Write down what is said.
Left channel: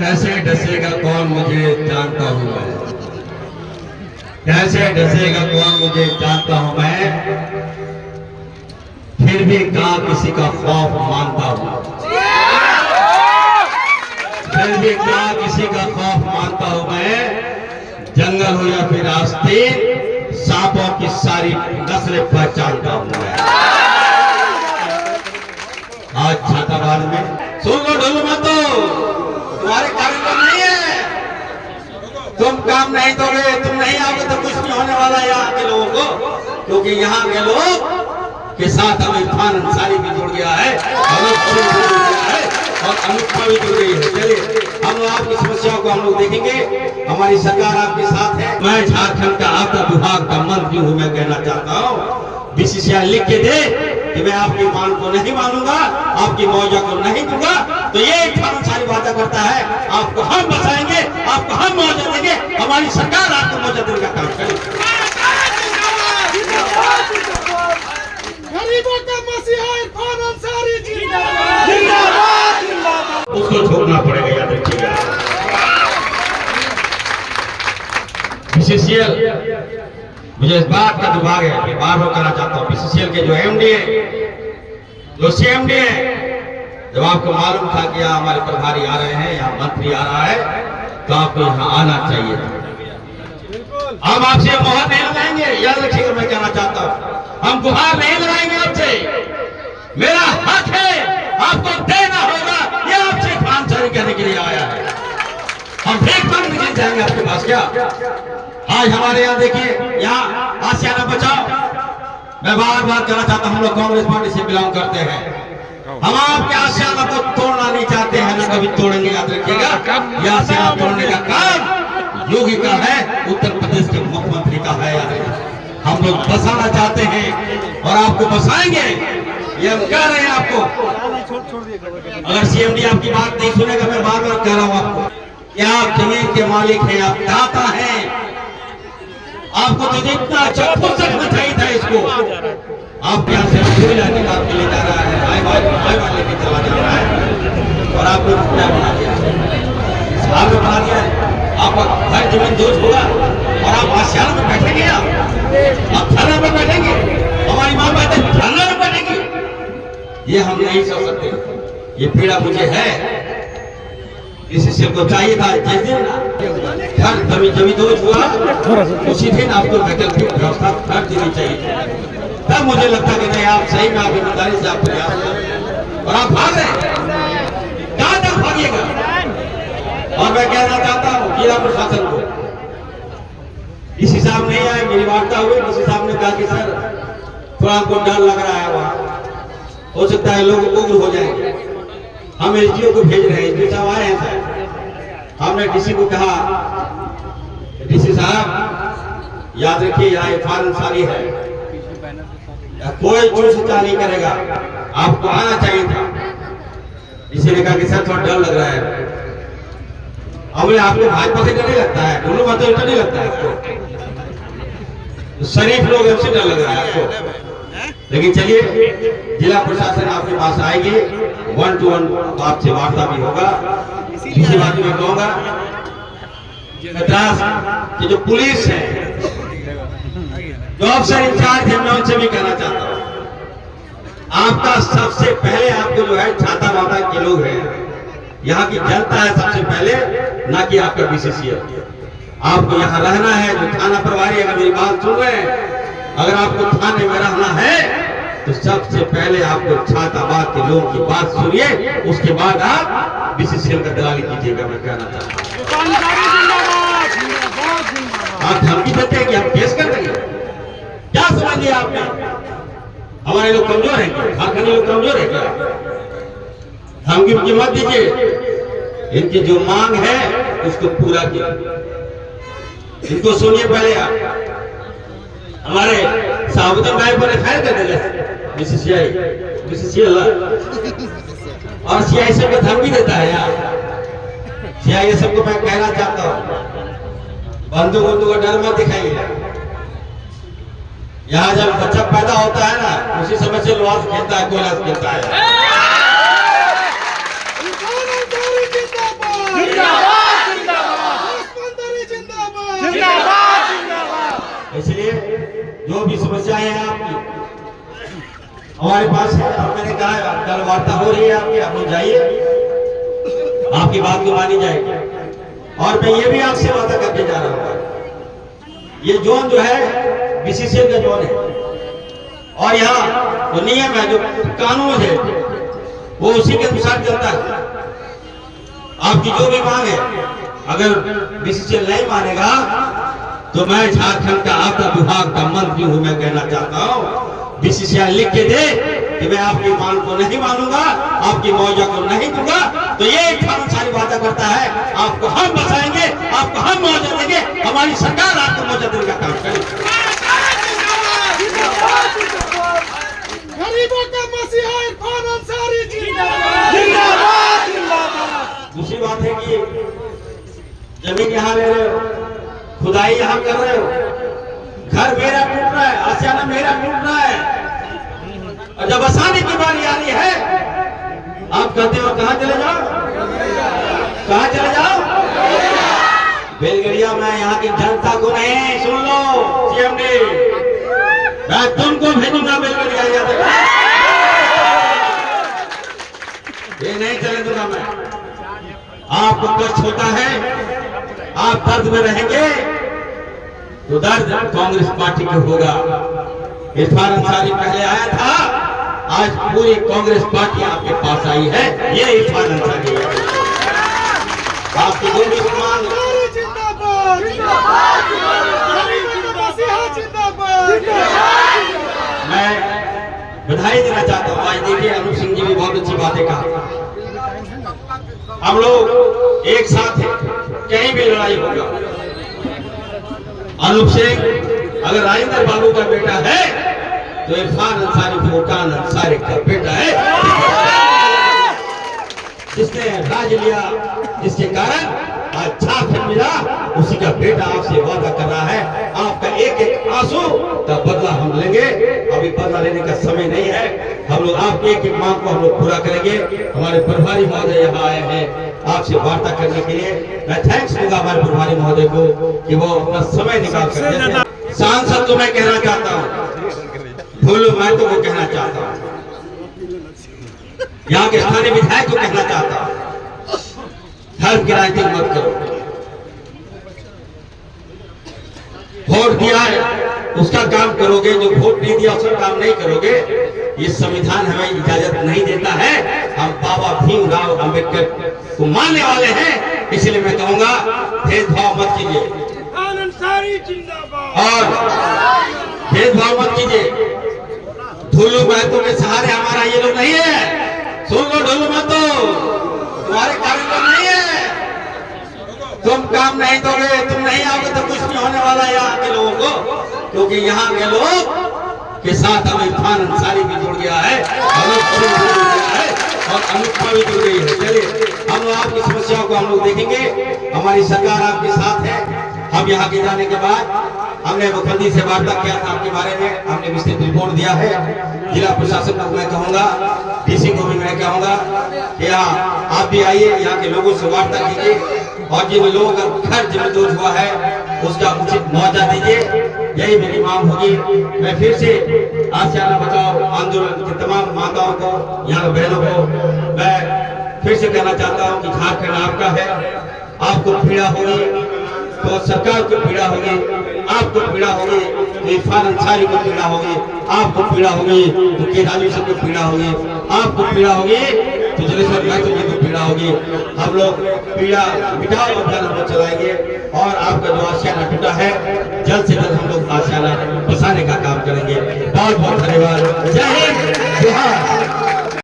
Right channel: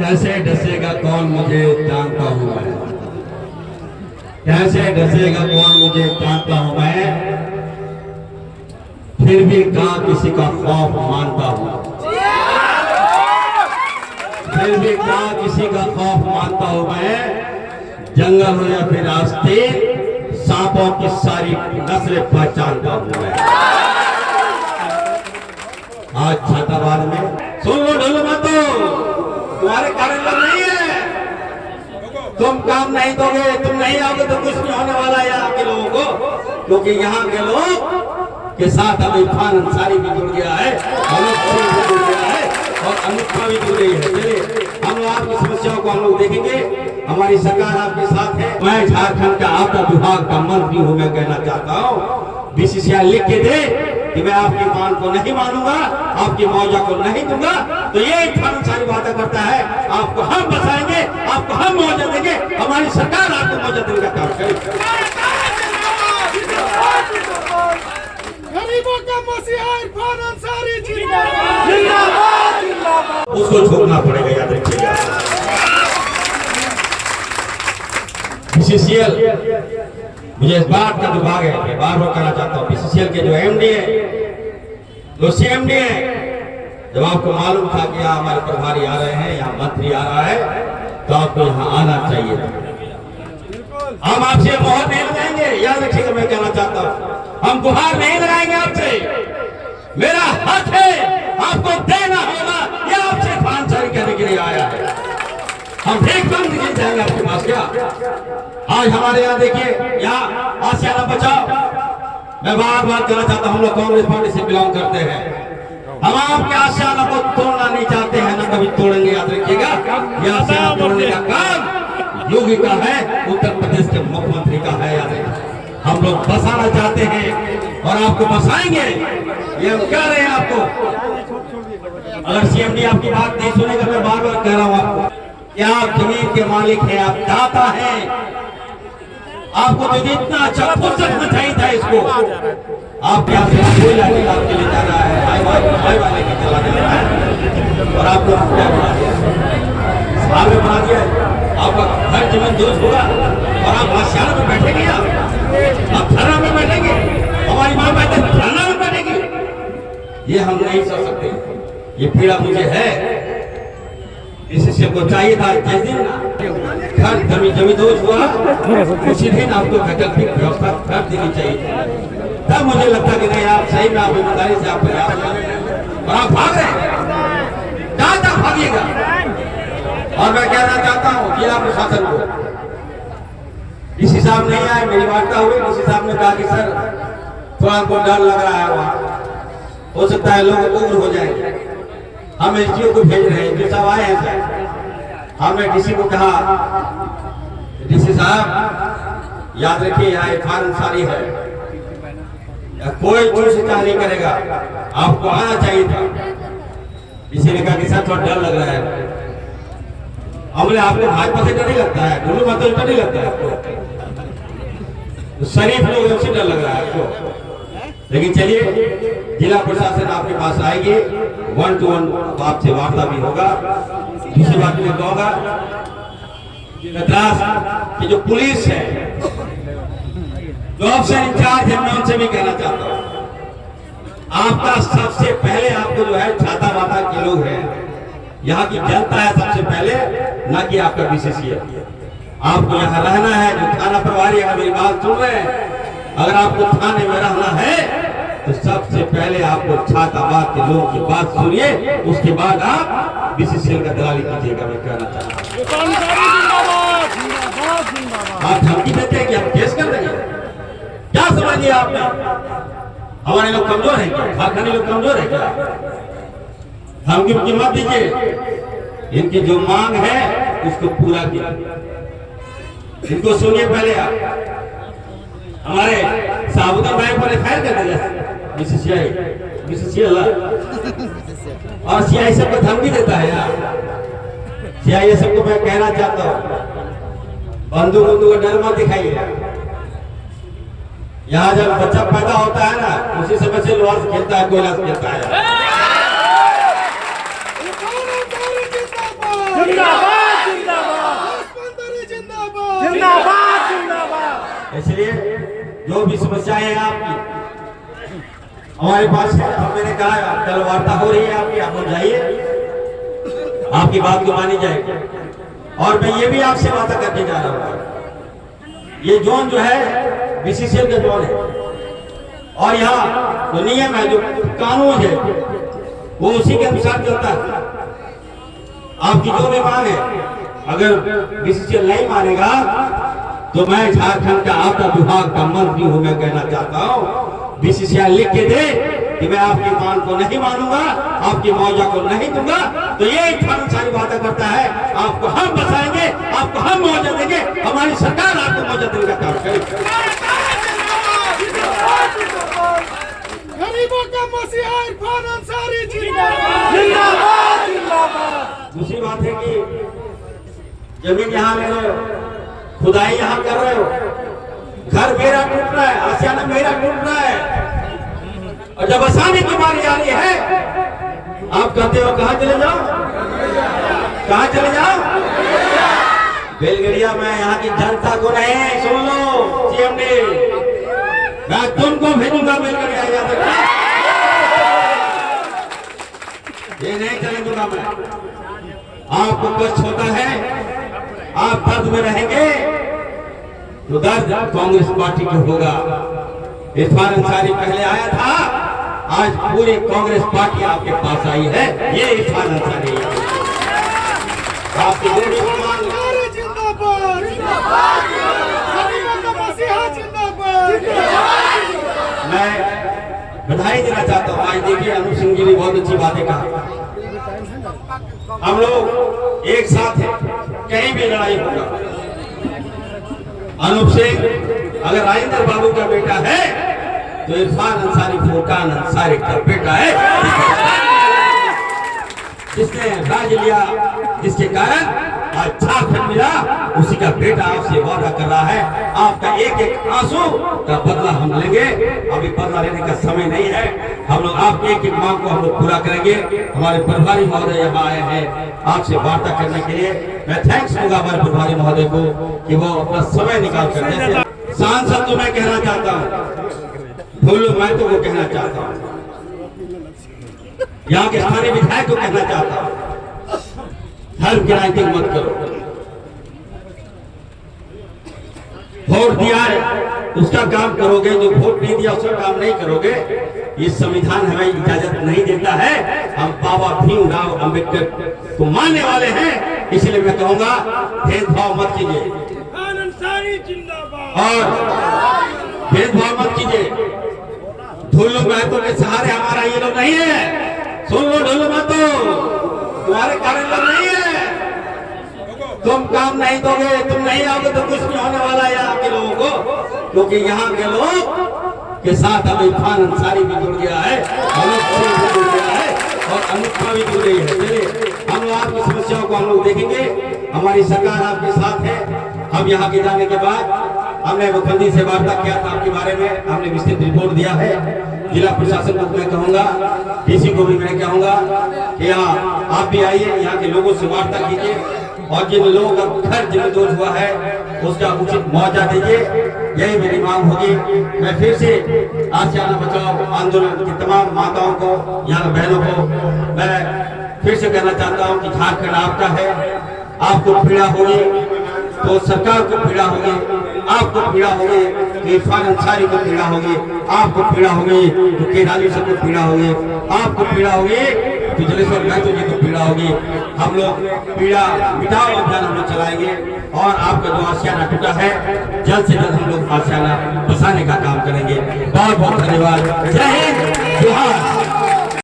कैसे डसेगा कौन मुझे जानता हूँ मैं, कैसे डसेगा कौन मुझे जानता हूँ मैं, फिर भी कहाँ किसी का खौफ मानता हूँ, फिर भी कहाँ किसी का खौफ मानता हूँ मैं। जंगल हो या फिर रास्ते, सांपों की सारी नस्लें पहचानता हूँ मैं। आज छाताबाद में सुन लो ढोलो मतो, तुम्हारे कारण नहीं है, तुम काम नहीं दोगे, तुम नहीं आओगे तो कुछ नहीं होने वाला यहाँ के लोगों को, क्योंकि यहाँ के लोग के साथ हम इरफान अंसारी भी जुड़ गया है, अनूप भी जुड़ गया है और अनुपमा भी जुड़ गई है। चलिए हम लोग आपकी समस्याओं को हम लोग देखेंगे, हमारी सरकार आपके साथ है। मैं झारखंड का आपदा विभाग का मंत्री हूँ, मैं कहना चाहता हूँ बीसीसीआई लिख के दे कि मैं आपकी मांग को नहीं मानूंगा, आपकी मुआवजा को नहीं दूंगा, तो ये इरफान अंसारी वादा करता है आपको हम बचाएंगे, आपको हम मुआवजा देंगे, हमारी सरकार आपको मुआवजा देने का काम करेगी। गरीबों का मसीहा इरफान अंसारी उसको छोड़ना पड़ेगा, याद रखिएगा। बीसीसीएल मुझे इस बात का दुर्भाग्य है कि बार बार कहना चाहता हूँ, बीसीसीएल के जो एमडी है, जो सीएमडी है, जब आपको मालूम था कि यहाँ हमारे प्रभारी आ रहे हैं, यहाँ मंत्री आ रहा है, तो आपको यहाँ आना चाहिए था। हम आपसे मोहर नहीं लगाएंगे, याद रखिएगा, मैं कहना चाहता हूँ हम गुहार नहीं लगाएंगे आपसे, मेरा हक है, आपको देना होगा, यह आपसे इरफान अंसारी कहने के लिए आया है। हम भीख मांगने के लिए जाएंगे आपके पास क्या? आज हमारे यहाँ देखिए, यहाँ आसियाना बचाओ, मैं बार बार कहना चाहता हूँ, हम लोग कांग्रेस पार्टी से बिलोंग करते हैं, हम आपके आसियाना को तोड़ना नहीं चाहते हैं, हम कभी तोड़ेंगे, याद रखिएगा। यह आसियाना तोड़ने का काम योगी का है, उत्तर प्रदेश के मुख्यमंत्री का है, याद रखिएगा। हम लोग बसाना चाहते हैं और आपको बसाएंगे, ये हम कह रहे हैं आपको। अगर सीएमडी आपकी बात नहीं सुनेगा, मैं बार बार कह रहा हूँ आपको कि आप जमीन के मालिक हैं, आप दाता हैं, आपको तो जितना अच्छा फुर्सत में चाहिए था इसको, आप यहाँ से कोयला निकाल के ले जा रहा है, हाई वाले भी चला जा रहा है और आपको बना दिया, साल में बना दिया, आपका घर जमीन दुरुस्त होगा और आप आसियाना में बैठेंगे, आप धरना में बैठेंगे, हमारी माँ बहतें धरना में बैठेंगी, ये हम नहीं सोच सकते, ये पीड़ा मुझे है। बीसीसीएल को चाहिए था जिस दिन घर जमीन दोष हुआ उसी दिन आपको वैकल्पिक व्यवस्था कर देनी चाहिए, तब मुझे लगता कि नहीं आप सही में आप ईमानदारी से आप प्रयास करें, और आप भाग रहे हैं, कहां तक भागिएगा। और मैं कहना चाहता हूँ जिला प्रशासन को, डीसी साहब नहीं आए, मेरी वार्ता हुई, डीसी साहब ने कहा कि सर थोड़ा हमको डर लग रहा है, वहाँ हो सकता है लोग उग्र हो जाएंगे, हम एसडीओ को भेज रहे हैं, एसडीओ साहब आए हैं सर, हमने डीसी को कहा डीसी साहब याद रखिए यहाँ इरफान अंसारी है, कोई चूसता नहीं करेगा, आपको आना चाहिए था। डीसी ने कहा कि सर थोड़ा डर लग रहा है, हमने आपको भाजपा से डर नहीं लगता है, दोनों बातों डर नहीं लगता है आपको, शरीफ लोग से डर लग रहा है आपको, लेकिन चलिए जिला प्रशासन आपके पास आएगी, 1-to-1 तो आपसे वार्ता भी होगा। इसी बात में कहूँगा मद्रास की जो पुलिस है, जो अफसर इंचार्ज है, मैं उनसे भी कहना चाहता हूँ, आपका सबसे पहले आपको जो है छातावादा के लोग हैं, यहाँ की जनता है सबसे पहले, ना कि आपका बीसीसीएल। आपको यहाँ रहना है, जो थाना प्रभारी अगर मेरी बात सुन रहे हैं, अगर आपको थाने में रहना है तो सबसे पहले आपको छाताबाद के लोगों की बात सुनिए, उसके बाद आप बीसीसीएल का दलाली कीजिएगा। मैं कहना चाहता हूँ आप धमकी देते हैं कि हम केस कर देंगे, क्या समझ लिया आपने? हमारे लोग कमजोर हैं क्या? झारखंडी लोग कमजोर है क्या? धमकी की मत दीजिए, इनकी जो मांग है उसको पूरा कीजिए, इनको सुनिए पहले आप। हमारे साबुद्दीन भाई पर एफआईआर कर देंगे बीसीसीएल और सीआईएसएफ को धमकी देता है यार। सीआईएसएफ को मैं कहना चाहता हूँ, बंदूक का डर मत दिखाइए। यहाँ जब बच्चा पैदा होता है ना, उसी समय से लोहा से खेलता है, कोयला से खेलता है। अंसारी जिंदाबाद जिंदाबाद जिंदाबाद मंत्री जिंदाबाद जिंदाबाद जिंदाबाद। इसलिए जो भी समस्याएं हैं आपकी हमारे पास है। अब मैंने कहा कल वार्ता हो रही है आपकी, आप लोग जाइए, आपकी बात को मानी जाएगी। और मैं ये भी आपसे वादा करके जा रहा हूँ, ये जोन जो है बीसीसीएल का जोन है और यहाँ जो नियम है, जो कानून है, वो उसी के अनुसार चलता है। आपकी जो भी मांग है, अगर बीसीसीएल नहीं मानेगा तो मैं झारखंड का आपदा विभाग का मंत्री हूं। मैं कहना चाहता हूं, बीसीसीआई लिख के दे कि मैं आपकी मांग को नहीं मानूंगा, आपकी मुआवजा को नहीं दूंगा, तो ये इरफान अंसारी वादा करता है आपको हम बचाएंगे, आपको हम मुआवजा देंगे, हमारी सरकार आपको मुआवजा देने का काम करेगी। गरीबों का मसीहा इरफान अंसारी जिंदाबाद जिंदाबाद। दूसरी बात है कि जमीन यहाँ ले रहे हो, खुदाई यहाँ कर रहे हो, घर मेरा टूट रहा है, आशियाना मेरा टूट रहा है, और जब बसाने की बारी आ रही है आप कहते हो कहां चले जाओ, कहां चले जाओ? बेलगड़िया में यहाँ की जनता को नहीं, सुन लो सीएम ने, मैं तुमको भेजूंगा बेलगड़िया, ये नहीं चले दूंगा मैं। आपको कष्ट होता है, आप दर्द में रहेंगे, तो दर्द कांग्रेस पार्टी को होगा। इरफान अंसारी पहले आया था, आज पूरी कांग्रेस पार्टी आपके पास आई है, ये इरफान अंसारी है। आपकी जो भी मांग, जिंदाबाद गरीबों का मसीहा जिंदाबाद। मैं बधाई देना चाहता हूँ। आज देखिए अनूप सिंह जी भी बहुत अच्छी बातें कहा, हम लोग एक साथ हैं, कहीं भी लड़ाई होगा। अनूप सिंह अगर राजेंद्र बाबू का बेटा है तो इरफान अंसारी फुरकान अंसारी का बेटा है, जिसने राज लिया, जिसके कारण आज झारखंड मिला, उसी का बेटा आपसे वादा कर रहा है। आपका एक एक आंसू का बदला हम लेंगे। अभी बदला लेने का समय नहीं है, हम लोग आपकी एक एक मांग को हम लोग पूरा करेंगे। हमारे प्रभारी महोदय यहाँ आए हैं आपसे वार्ता करने के लिए। मैं थैंक्स दूंगा हमारे प्रभारी महोदय को कि वो अपना समय निकाल कर सांसद को मैं कहना चाहता हूँ, भूलो मैं तो वो कहना चाहता हूँ, यहाँ के स्थानीय विधायक को कहना चाहता हूँ, धर्म की राजनीति मत करो। वोट दिया है उसका काम करोगे, जो वोट नहीं दिया उसका काम नहीं करोगे, ये संविधान हमें इजाजत नहीं देता है। हम बाबा भीमराव अंबेडकर को मानने वाले हैं, इसलिए मैं कहूंगा भेदभाव मत कीजिए और भेदभाव मत कीजिए। ढोलू महतो के सहारे हमारा ये लोग नहीं है, सुन लो ढोलू महतो, तुम्हारे कारण लोग नहीं है। तुम काम नहीं दोगे, तुम नहीं आओगे तो कुछ नहीं होने वाला है यहाँ के लोगों को, क्योंकि यहाँ के लोग के साथ अब इरफान अंसारी भी जुड़ गया है, अनूप सिंह भी जुड़ गया है और अनुपमा भी जुड़ गई है। चलिए हम लोग आपकी समस्याओं को हम लोग देखेंगे, हमारी सरकार आपके साथ है। हम यहाँ के जाने के बाद हमने मुख्यमंत्री से वार्ता किया था आपके बारे में, हमने विस्तृत रिपोर्ट दिया है। जिला प्रशासन को मैं कहूँगा, डीसी को भी मैं कहूँगा कि यहाँ आप भी आइए, यहाँ के लोगों से वार्ता कीजिए और जिन लोगों का घर जमींदोज हुआ है उसका उचित मुआवजा दीजिए। यही मेरी मांग होगी। मैं फिर से आशियाना बचाओ आंदोलन की तमाम माताओं को, यहाँ के बहनों को मैं फिर से कहना चाहता हूँ कि झारखंड आपका है। आपको पीड़ा होगी तो सरकार को पीड़ा होगी, आपको पीड़ा होगी तो इरफान अंसारी को पीड़ा होगी, आपको पीड़ा होगी तो केदारी से को पीड़ा होगी, आपको पीड़ा होगी तो जलेश्वर महतो जी को पीड़ा होगी। हम लोग पीड़ा मिटाओ अभियान हम लोग चलाएंगे और आपका जो आशियाना टूटा है जल्द से जल्द हम लोग आशियाना बसाने का काम करेंगे। बहुत बहुत धन्यवाद। जय हिंद, जोहार।